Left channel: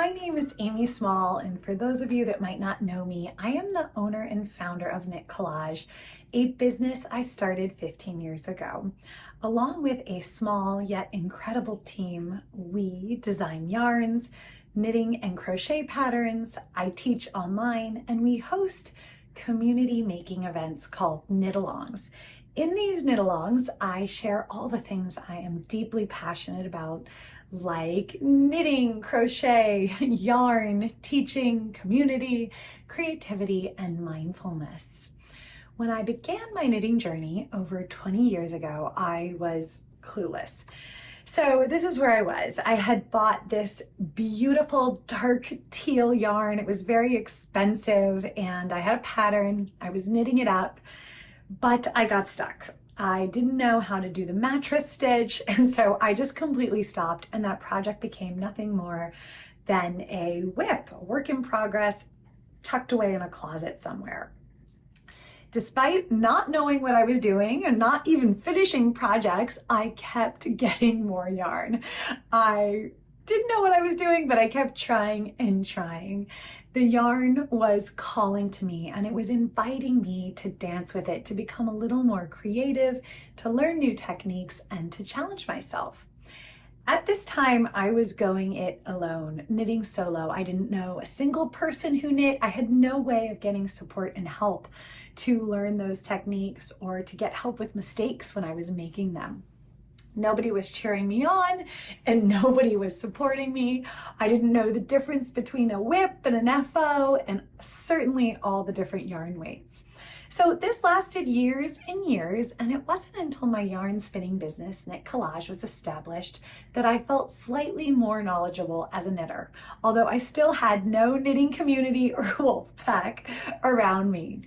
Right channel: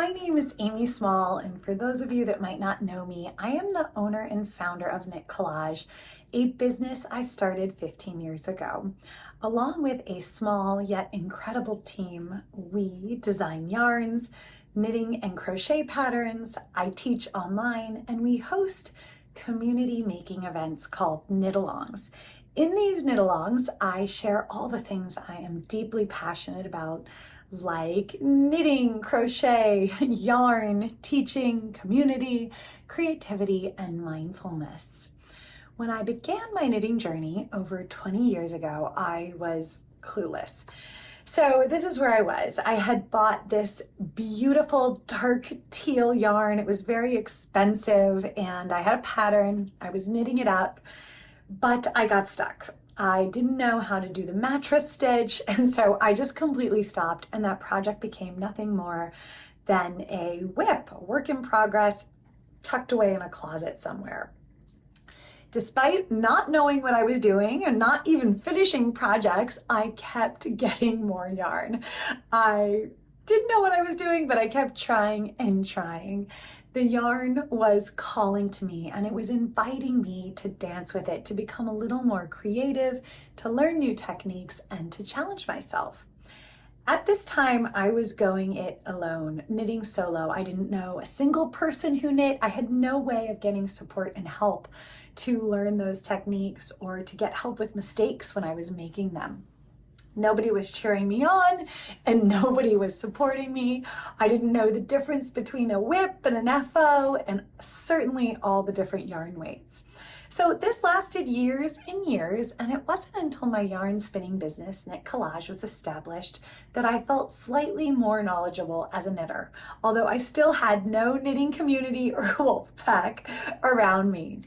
My name is Amy Small, and for those of you that might not know me, I am the owner and founder of Knit Collage, a business I started 15 years ago. Along with a small yet incredible team, we design yarns, knitting and crochet patterns, I teach online, and we host community making events called knit-alongs. In these knit-alongs, I share all the things I am deeply passionate about, like knitting, crochet, yarn, teaching, community, creativity, and mindfulness. When I began my knitting journey over 20 years ago, I was clueless. So this is where I was. I had bought this beautiful dark teal yarn. It was very expensive and I had a pattern. I was knitting it up, but I got stuck. I didn't know how to do the mattress stitch, and so I just completely stopped, and that project became nothing more than a WIP, a work in progress, tucked away in a closet somewhere. Despite not knowing what I was doing and not even finishing projects, I kept getting more yarn. I didn't know what I was doing, but I kept trying and trying. The yarn was calling to me, and it was inviting me to dance with it, to become a little more creative, to learn new techniques, and to challenge myself. At this time, I was going it alone, knitting solo. I didn't know a single person who knit. I had no way of getting support and help to learn those techniques or to get help with mistakes when I was making them. Nobody was cheering me on and nobody was supporting me. I didn't know the difference between a whip and an FO, and certainly all the different yarn weights. So this lasted years and years, and it wasn't until my yarn spinning business, Knit Collage, was established that I felt slightly more knowledgeable as a knitter, although I still had no knitting community or wolf pack around me.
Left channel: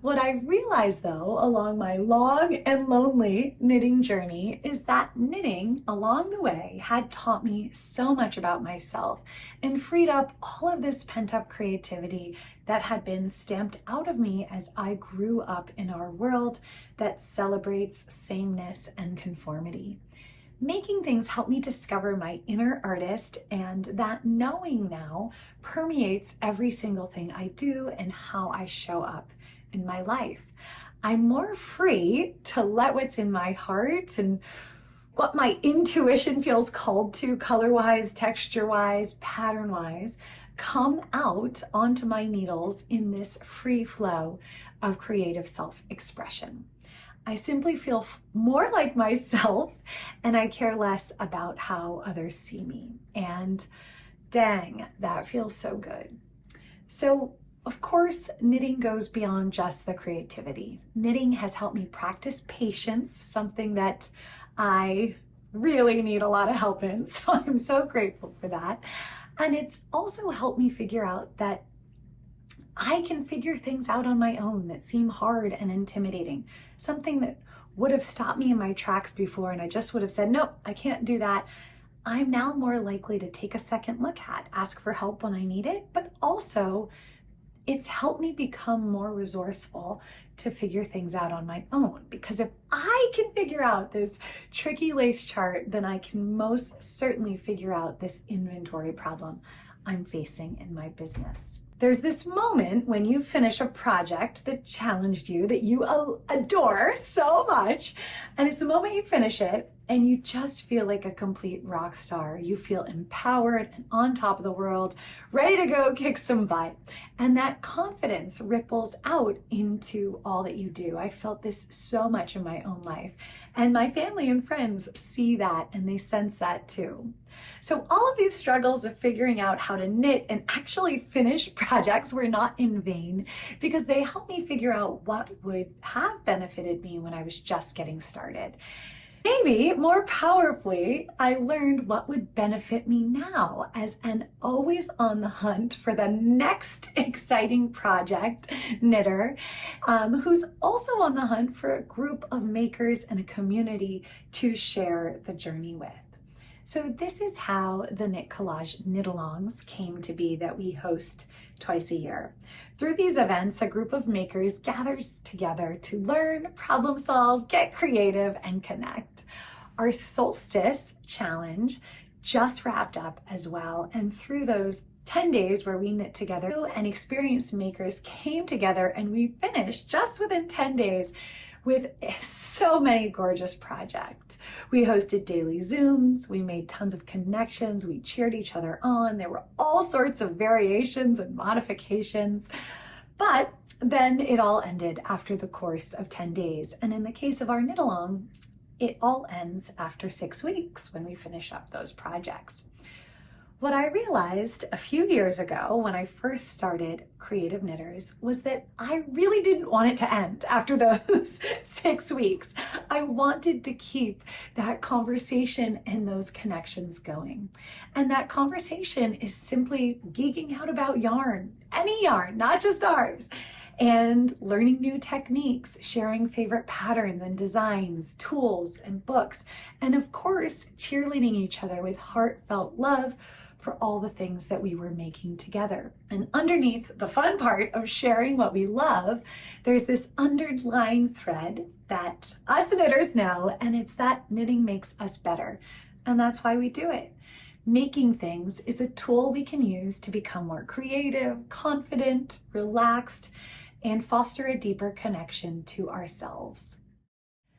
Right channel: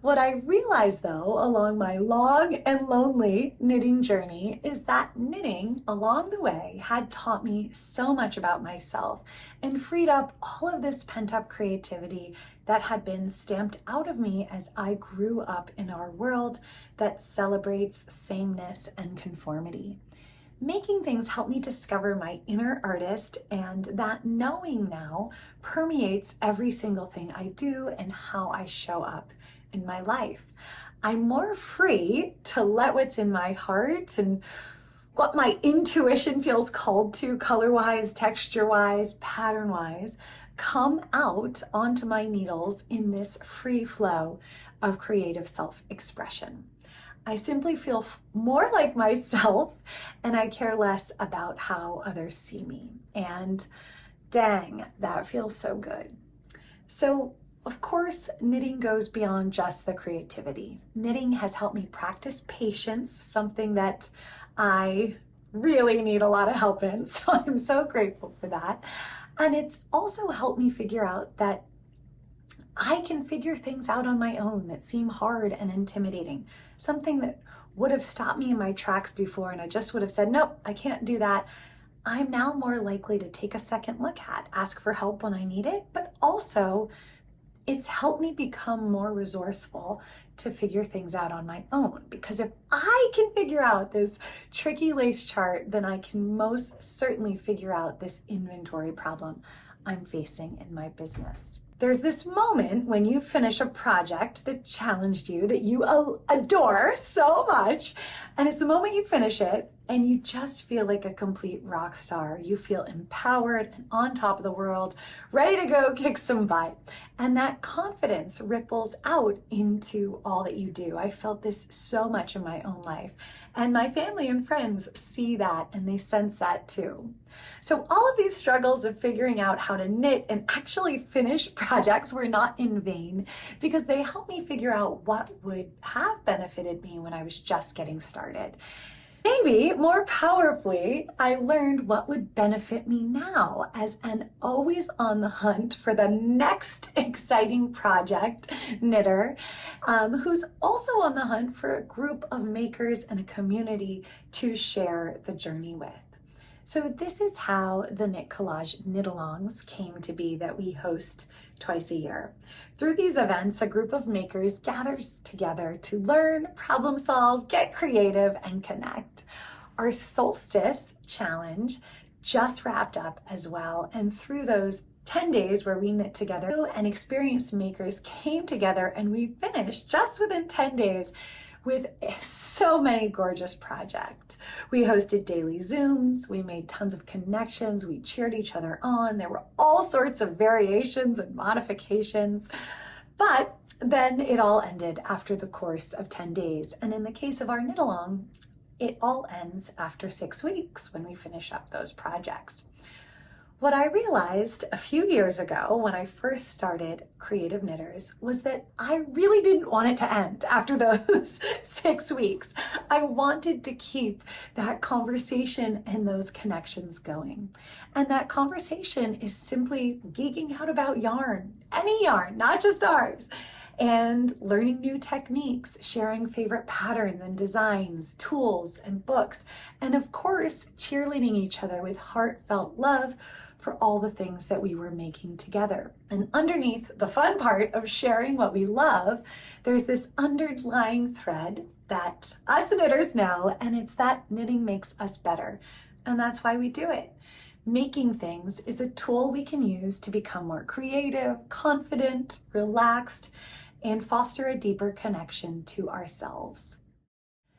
What I realized, though, along my long and lonely knitting journey is that knitting along the way had taught me so much about myself and freed up all of this pent-up creativity that had been stamped out of me as I grew up in our world that celebrates sameness and conformity. Making things helped me discover my inner artist, and that knowing now permeates every single thing I do and how I show up in my life. I'm more free to let what's in my heart and what my intuition feels called to, color-wise, texture-wise, pattern-wise, come out onto my needles in this free flow of creative self-expression. I simply feel more like myself, and I care less about how others see me. And dang, that feels so good. So, of course, knitting goes beyond just the creativity. Knitting has helped me practice patience, something that I really need a lot of help in, so I'm so grateful for that. And it's also helped me figure out that I can figure things out on my own that seem hard and intimidating. Something that would have stopped me in my tracks before and I just would have said, nope, I can't do that. I'm now more likely to take a second look at, ask for help when I need it, but also it's helped me become more resourceful to figure things out on my own. Because if I can figure out this tricky lace chart, then I can most certainly figure out this inventory problem I'm facing in my business. There's this moment when you finish a project that challenged you, that you adore so much, and it's the moment you finish it and you just feel like a complete rock star. You feel empowered and on top of the world, ready to go kick some butt. And that confidence ripples out into all that you do. I felt this so much in my own life, and my family and friends see that and they sense that too. So all of these struggles of figuring out how to knit and actually finish projects were not in vain, because they helped me figure out what would have benefited me when I was just getting started. Maybe more powerfully, I learned what would benefit me now as an always on the hunt for the next exciting project knitter, who's also on the hunt for a group of makers and a community to share the journey with. So this is how the Knit Collage knit-alongs came to be that we host twice a year. Through these events, a group of makers gathers together to learn, problem solve, get creative, and connect. Our solstice challenge just wrapped up as well. And through those 10 days where we knit together and experienced makers came together, and we finished just within 10 days with so many gorgeous projects. We hosted daily Zooms, we made tons of connections, we cheered each other on. There were all sorts of variations and modifications, but then it all ended after the course of 10 days. And in the case of our knit along, it all ends after 6 weeks when we finish up those projects. What I realized a few years ago when I first started Creative Knitters was that I really didn't want it to end after those 6 weeks. I wanted to keep that conversation and those connections going. And that conversation is simply geeking out about yarn, any yarn, not just ours, and learning new techniques, sharing favorite patterns and designs, tools and books, and of course, cheerleading each other with heartfelt love for all the things that we were making together. And underneath the fun part of sharing what we love, there's this underlying thread that us knitters know, and it's that knitting makes us better. And that's why we do it. Making things is a tool we can use to become more creative, confident, relaxed, and foster a deeper connection to ourselves.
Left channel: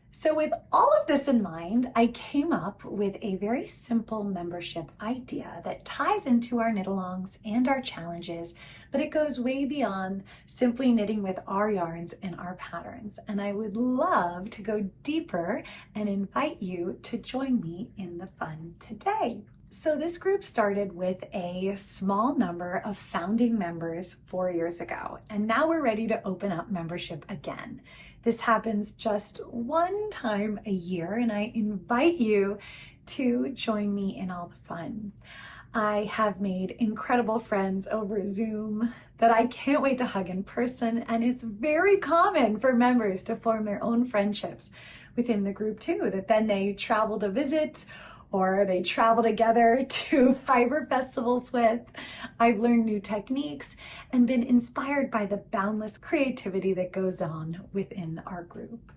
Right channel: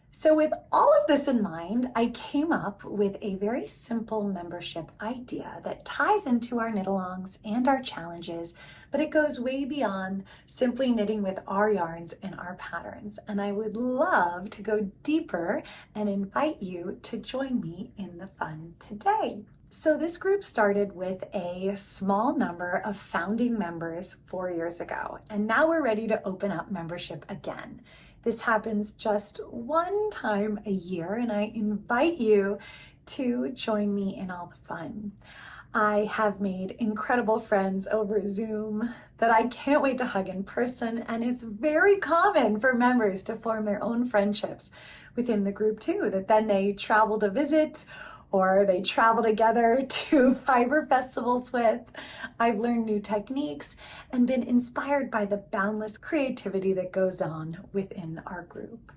So with all of this in mind, I came up with a very simple membership idea that ties into our knit-alongs and our challenges, but it goes way beyond simply knitting with our yarns and our patterns. And I would love to go deeper and invite you to join me in the fun today. So this group started with a small number of founding members 4 years ago, and now we're ready to open up membership again. This happens just one time a year, and I invite you to join me in all the fun. I have made incredible friends over Zoom that I can't wait to hug in person, and it's very common for members to form their own friendships within the group too, that then they travel to visit or they travel together to fiber festivals with. I've learned new techniques and been inspired by the boundless creativity that goes on within our group.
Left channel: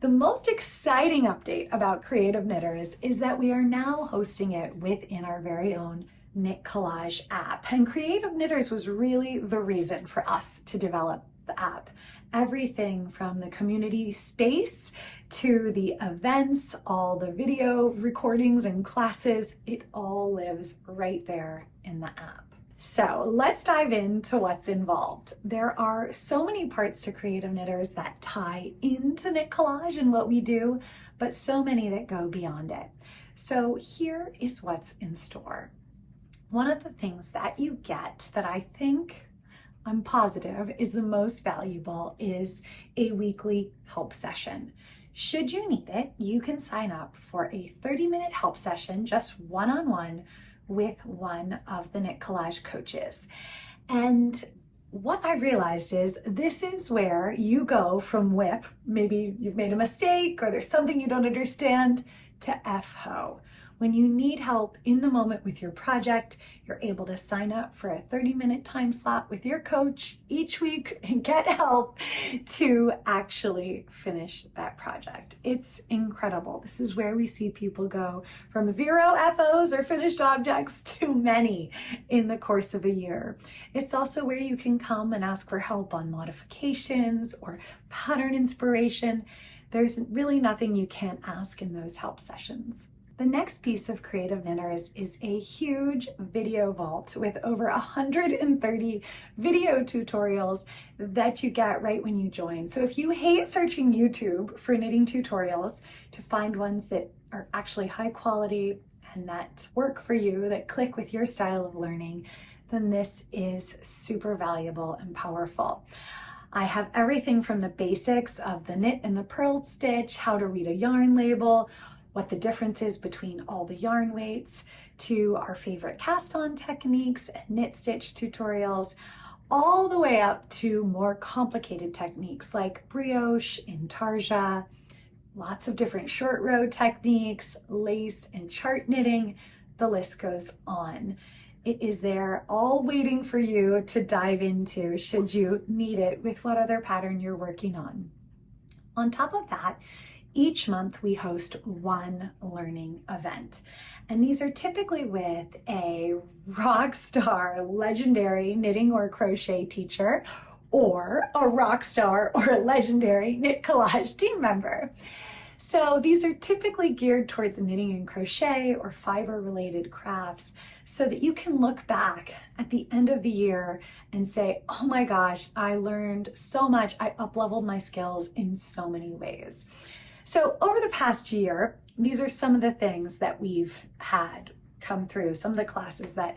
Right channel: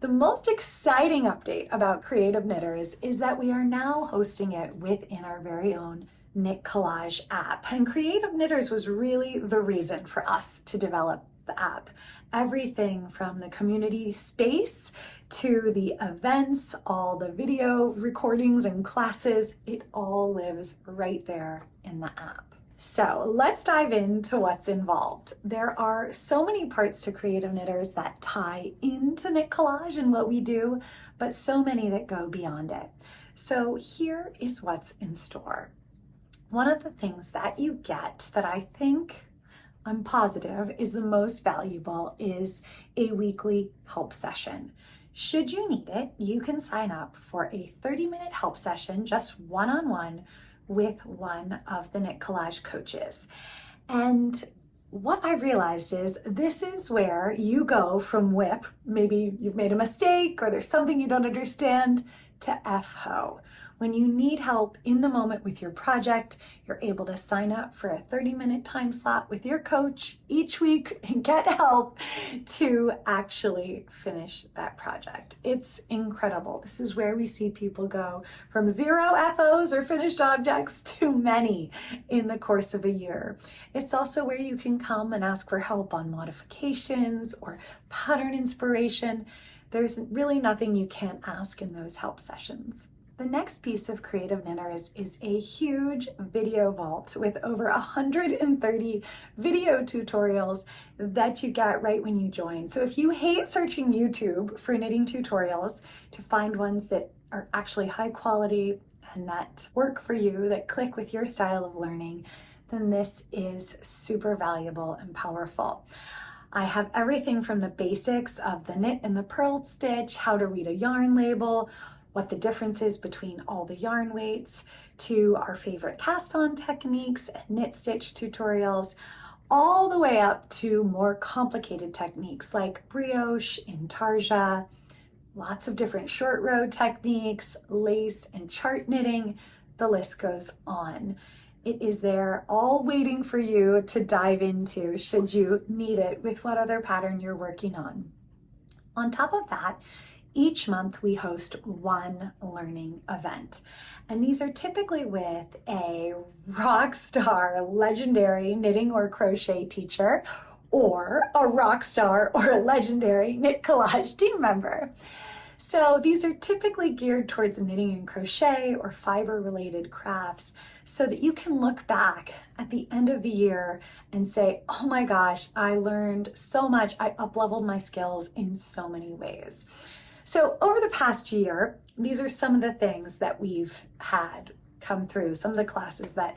The most exciting update about Creative Knitters is that we are now hosting it within our very own Knit Collage app. And Creative Knitters was really the reason for us to develop the app. Everything from the community space to the events, all the video recordings and classes, it all lives right there in the app. So let's dive into what's involved. There are so many parts to Creative Knitters that tie into Knit Collage and what we do, but so many that go beyond it. So here is what's in store. One of the things that you get that I'm positive is the most valuable is a weekly help session. Should you need it, you can sign up for a 30-minute help session, just one-on-one with one of the Knit Collage coaches. And what I realized is this is where you go from whip, maybe you've made a mistake or there's something you don't understand, to FHO. When you need help in the moment with your project, you're able to sign up for a 30-minute time slot with your coach each week and get help to actually finish that project. It's incredible. This is where we see people go from 0 FOs or finished objects to many in the course of a year. It's also where you can come and ask for help on modifications or pattern inspiration. There's really nothing you can't ask in those help sessions. The next piece of Creative Knitters is a huge video vault with over 130 video tutorials that you get right when you join. So if you hate searching YouTube for knitting tutorials, to find ones that are actually high quality and that work for you, that click with your style of learning, then this is super valuable and powerful. I have everything from the basics of the knit and the purl stitch, how to read a yarn label, what the difference is between all the yarn weights, to our favorite cast-on techniques and knit stitch tutorials, all the way up to more complicated techniques like brioche, intarsia, lots of different short row techniques, lace and chart knitting, the list goes on. It is there all waiting for you to dive into should you need it with what other pattern you're working on. On top of that, each month we host one learning event. And these are typically with a rock star, legendary knitting or crochet teacher, or a rock star or a legendary Knit Collage team member. So these are typically geared towards knitting and crochet or fiber related crafts so that you can look back at the end of the year and say, oh my gosh, I learned so much. I up-leveled my skills in so many ways. So over the past year, these are some of the things that we've had come through, some of the classes that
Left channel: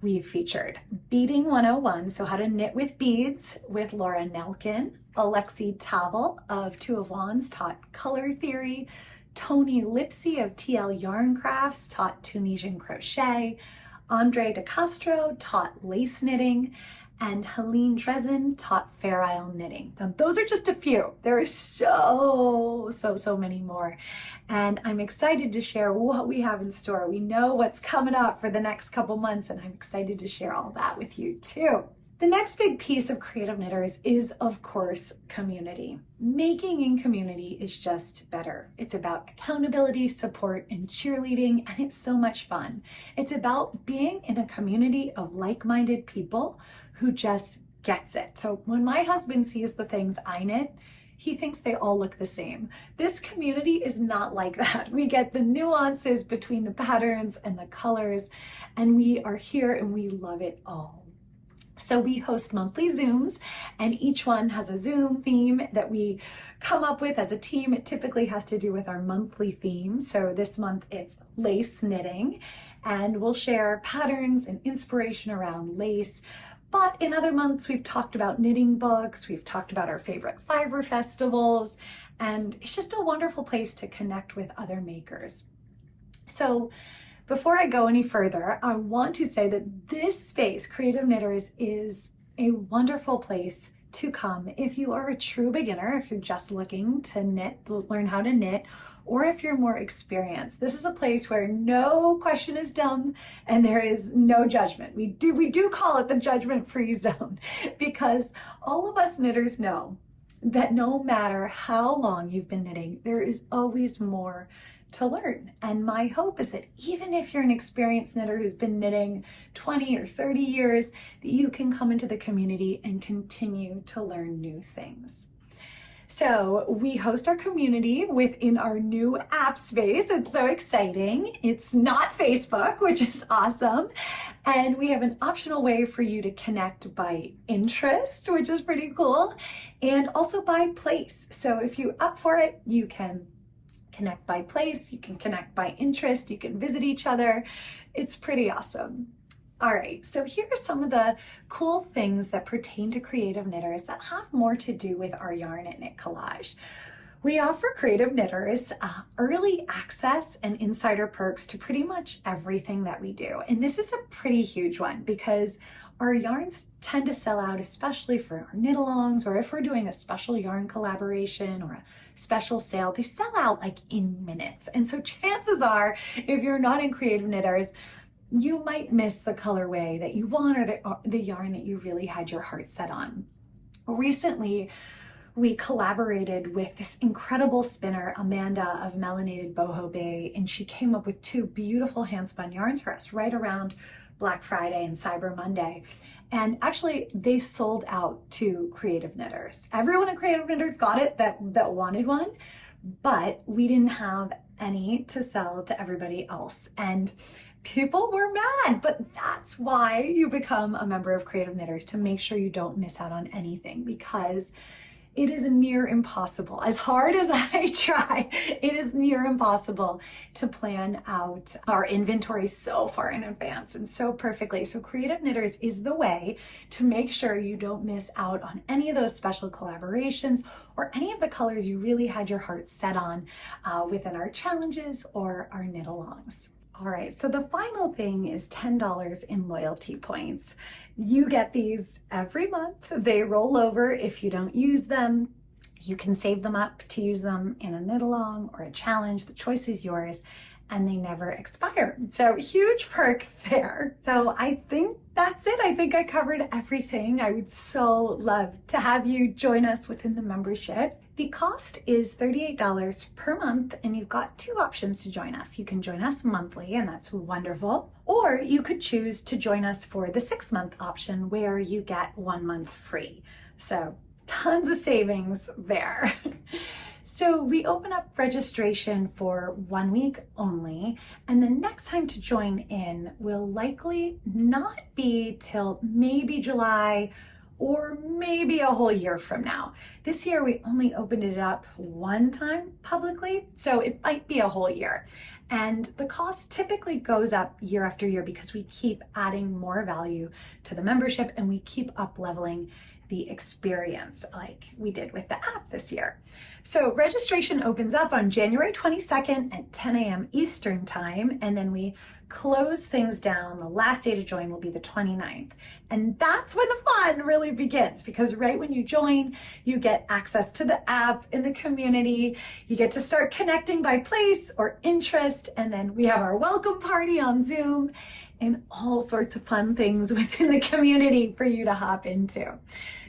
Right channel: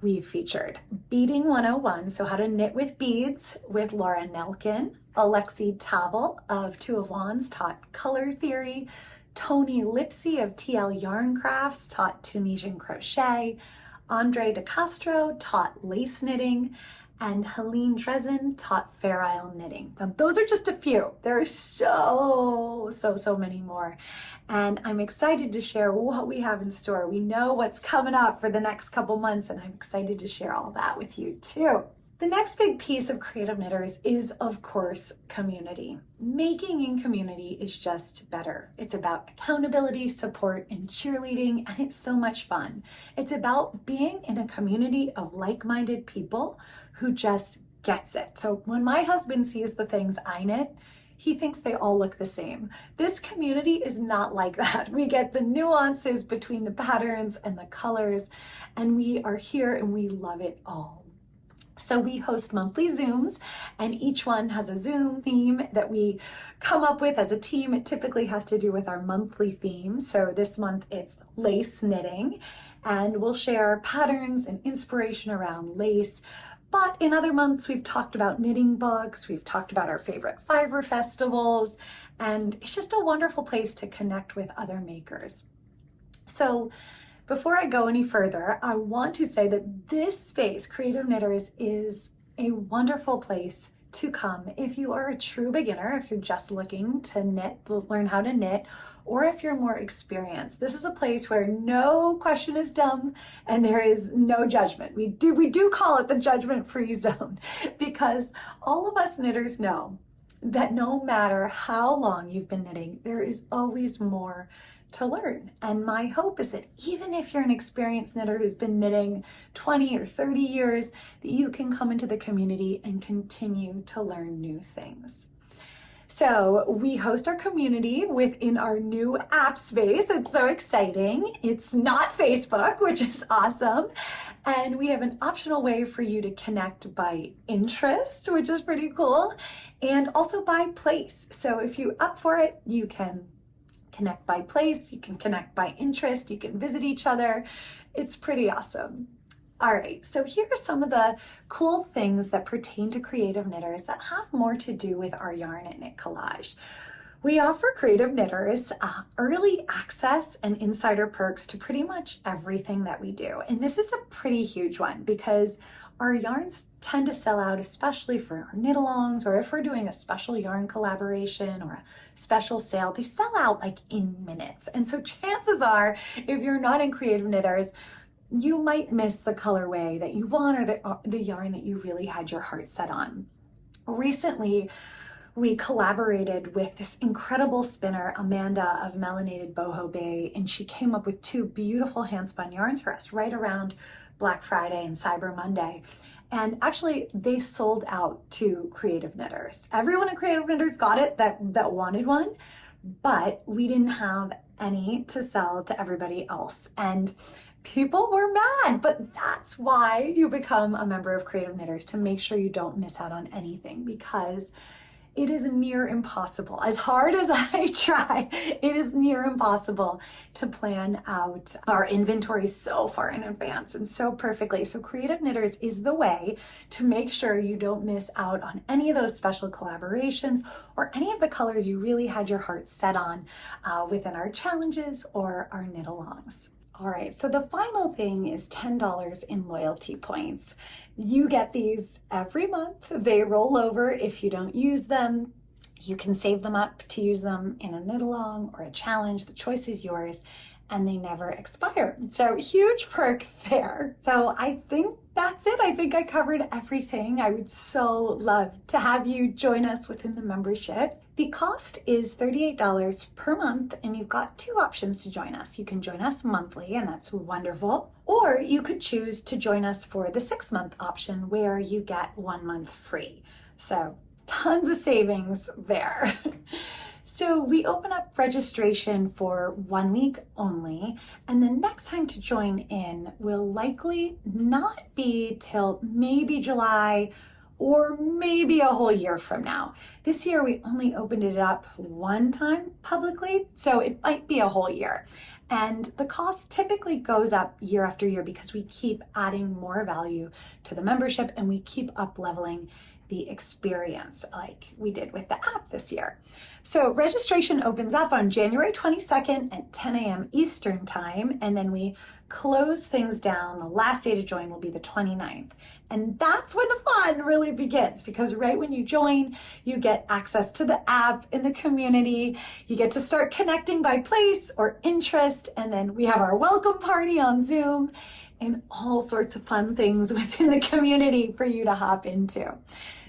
we've featured. Beading 101, so how to knit with beads with Laura Nelkin. Alexi Tavel of Two of Wands taught color theory. Tony Lipsy of TL Yarn Crafts taught Tunisian crochet. Andre De Castro taught lace knitting. And Helene Dresden taught Fair Isle knitting. Now, those are just a few. There are so many more. And I'm excited to share what we have in store. We know what's coming up for the next couple months, and I'm excited to share all that with you too. The next big piece of Creative Knitters is, of course, community. Making in community is just better. It's about accountability, support, and cheerleading, and it's so much fun. It's about being in a community of like-minded people who just gets it. So when my husband sees the things I knit, he thinks they all look the same. This community is not like that. We get the nuances between the patterns and the colors, and we are here and we love it all. So we host monthly Zooms, and each one has a Zoom theme that we come up with as a team. It typically has to do with our monthly theme. So this month it's lace knitting, and we'll share patterns and inspiration around lace. But in other months, we've talked about knitting books, we've talked about our favorite fiber festivals, and it's just a wonderful place to connect with other makers. So before I go any further, I want to say that this space, Creative Knitters, is a wonderful place to come if you are a true beginner, if you're just looking to knit, learn how to knit, or if you're more experienced. This is a place where no question is dumb and there is no judgment. We do call it the judgment-free zone, because all of us knitters know that no matter how long you've been knitting, there is always more to learn. And my hope is that even if you're an experienced knitter who's been knitting 20 or 30 years, that you can come into the community and continue to learn new things. So we host our community within our new app space. It's so exciting. It's not Facebook, which is awesome. And we have an optional way for you to connect by interest, which is pretty cool, and also by place. So if you're up for it, you can connect by place, you can connect by interest, you can visit each other. It's pretty awesome. All right, so here are some of the cool things that pertain to Creative Knitters that have more to do with our yarn at Knit Collage. We offer Creative Knitters early access and insider perks to pretty much everything that we do. And this is a pretty huge one because our yarns tend to sell out, especially for our knit-alongs, or if we're doing a special yarn collaboration or a special sale, they sell out like in minutes. And so chances are, if you're not in Creative Knitters, you might miss the colorway that you want or the yarn that you really had your heart set on. Recently, we collaborated with this incredible spinner, Amanda of Melanated Boho Bay, and she came up with two beautiful hand-spun yarns for us right around Black Friday and Cyber Monday. And actually, they sold out to Creative Knitters. Everyone at Creative Knitters got it that wanted one, but we didn't have any to sell to everybody else. And people were mad, but that's why you become a member of Creative Knitters, to make sure you don't miss out on anything, because it is near impossible. As hard as I try, it is near impossible to plan out our inventory so far in advance and so perfectly. So Creative Knitters is the way to make sure you don't miss out on any of those special collaborations or any of the colors you really had your heart set on within our challenges or our knit-alongs. All right, so the final thing is $10 in loyalty points. You get these every month. They roll over if you don't use them. You can save them up to use them in a knit-along or a challenge. The choice is yours, and they never expire. So huge perk there. So I think that's it. I think I covered everything. I would so love to have you join us within the membership. The cost is $38 per month, and you've got two options to join us. You can join us monthly, and that's wonderful, or you could choose to join us for the 6-month option where you get 1 month free. So tons of savings there. So we open up registration for 1 week only, and the next time to join in will likely not be till maybe July or maybe a whole year from now. This year we only opened it up one time publicly, so it might be a whole year. And the cost typically goes up year after year because we keep adding more value to the membership and we keep up leveling the experience like we did with the app this year. So registration opens up on January 22nd at 10 a.m. Eastern time, and then we close things down. The last day to join will be the 29th. And that's when the fun really begins, because right when you join, you get access to the app in the community. You get to start connecting by place or interest, and then we have our welcome party on Zoom and all sorts of fun things within the community for you to hop into.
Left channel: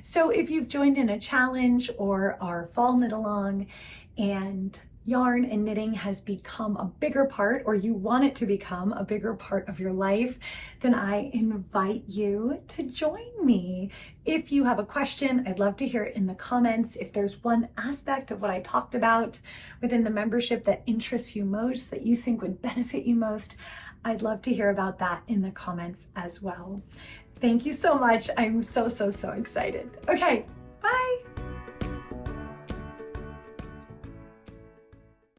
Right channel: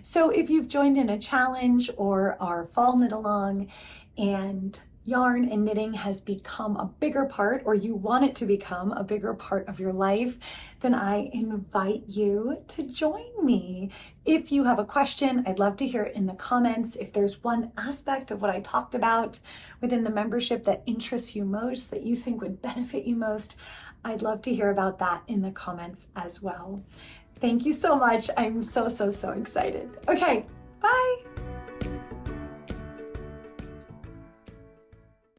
So if you've joined in a challenge or are following it along and yarn and knitting has become a bigger part, or you want it to become a bigger part of your life, then I invite you to join me. If you have a question, I'd love to hear it in the comments. If there's one aspect of what I talked about within the membership that interests you most, that you think would benefit you most, I'd love to hear about that in the comments as well. Thank you so much. I'm so excited. Okay, bye.